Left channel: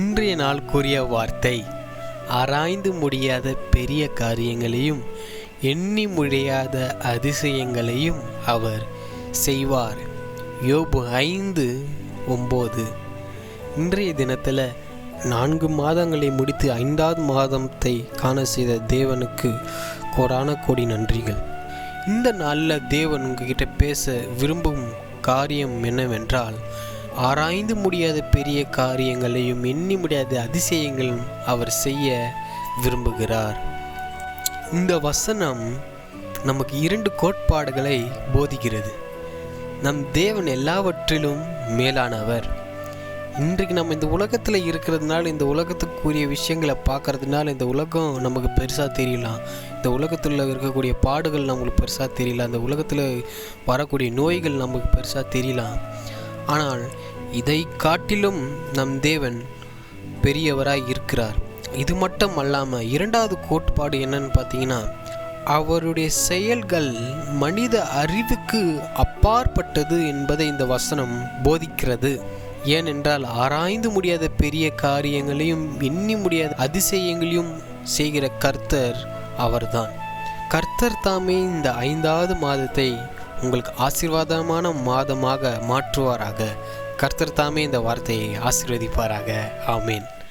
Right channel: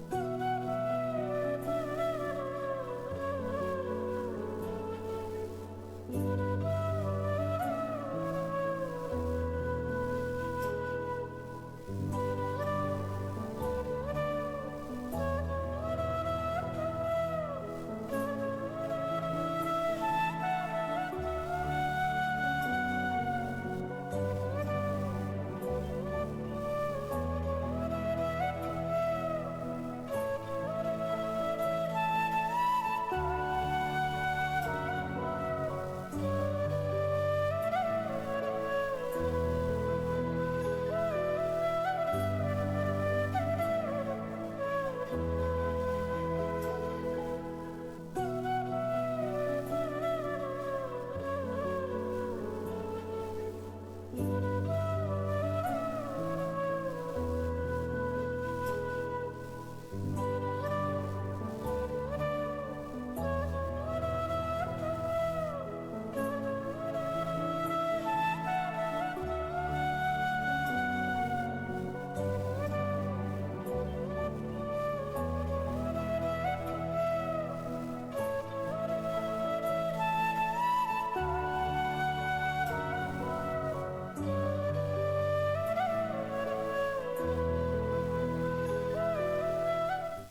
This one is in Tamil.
இன்றைய நாள் கூறிய வார்த்தை, ஆராய்ந்து முடியாத பெரிய காரியங்களையும் எண்ணி முடியாத அதிசயங்களையும் அவர் செய்வார். யோபு 5:9. இன்றைய தினத்தில் 4 மாதங்களை முடித்து 5வது மாதத்தை காண செய்த தேவனுக்கு கோடான கோடி நன்றிகள். இந்த நாளில் தேவன் உங்ககிட்ட பேச விரும்பும் காரியம் என்னவென்றால், ஆராய்ந்து முடியாத பெரிய காரியங்களையும் எண்ணி முடியாத அதிசயங்களும் அவர் செய்ய விரும்புகிறார். இந்த வசனம் நமக்கு 2 கோட்பாடுகளை போதிக்கிறது. நம் தேவன் எல்லாவற்றிலும் மேலானவர். இன்றைக்கு நம்ம இந்த உலகத்தில் இருக்கிறதுனால, இந்த உலகத்துக்குரிய விஷயங்களை பார்க்கறதுனால இந்த உலகம் நமக்கு பெருசாக தெரியலாம். இந்த உலகத்தில் இருக்கக்கூடிய பாடுகள் நம்மளுக்கு பெருசாக தெரியலாம். இந்த உலகத்தில் வரக்கூடிய நோய்கள் நமக்கு பெருசாக தெரியலாம். ஆனால் இதை காட்டிலும் நம் தேவன் பெரியவராய் இருக்கிறார். இது மட்டும் அல்லாமல் 2வது கோட்பாடு என்னன்னு பார்த்தீங்கன்னா, அவருடைய செயல்கள் மனித அறிவுக்கு அப்பாற்பட்டது என்பதை இந்த வசனம் போதிக்கிறது. ஏனென்றால் ஆராய்ந்து முடியாத பெரிய காரியங்களையும் எண்ணி முடியாத அதிசயங்களையும் செய்கிற கர்த்தர் அவர்தான். கர்த்தர் தாமே இந்த 5வது மாதத்தை உங்களுக்கு ஆசீர்வாதமான மாதமாக மாற்றுவாராக. கர்த்தர் தாமே இந்த வார்த்தையை ஆசீர்வதிப்பாராக. ஆமேன்.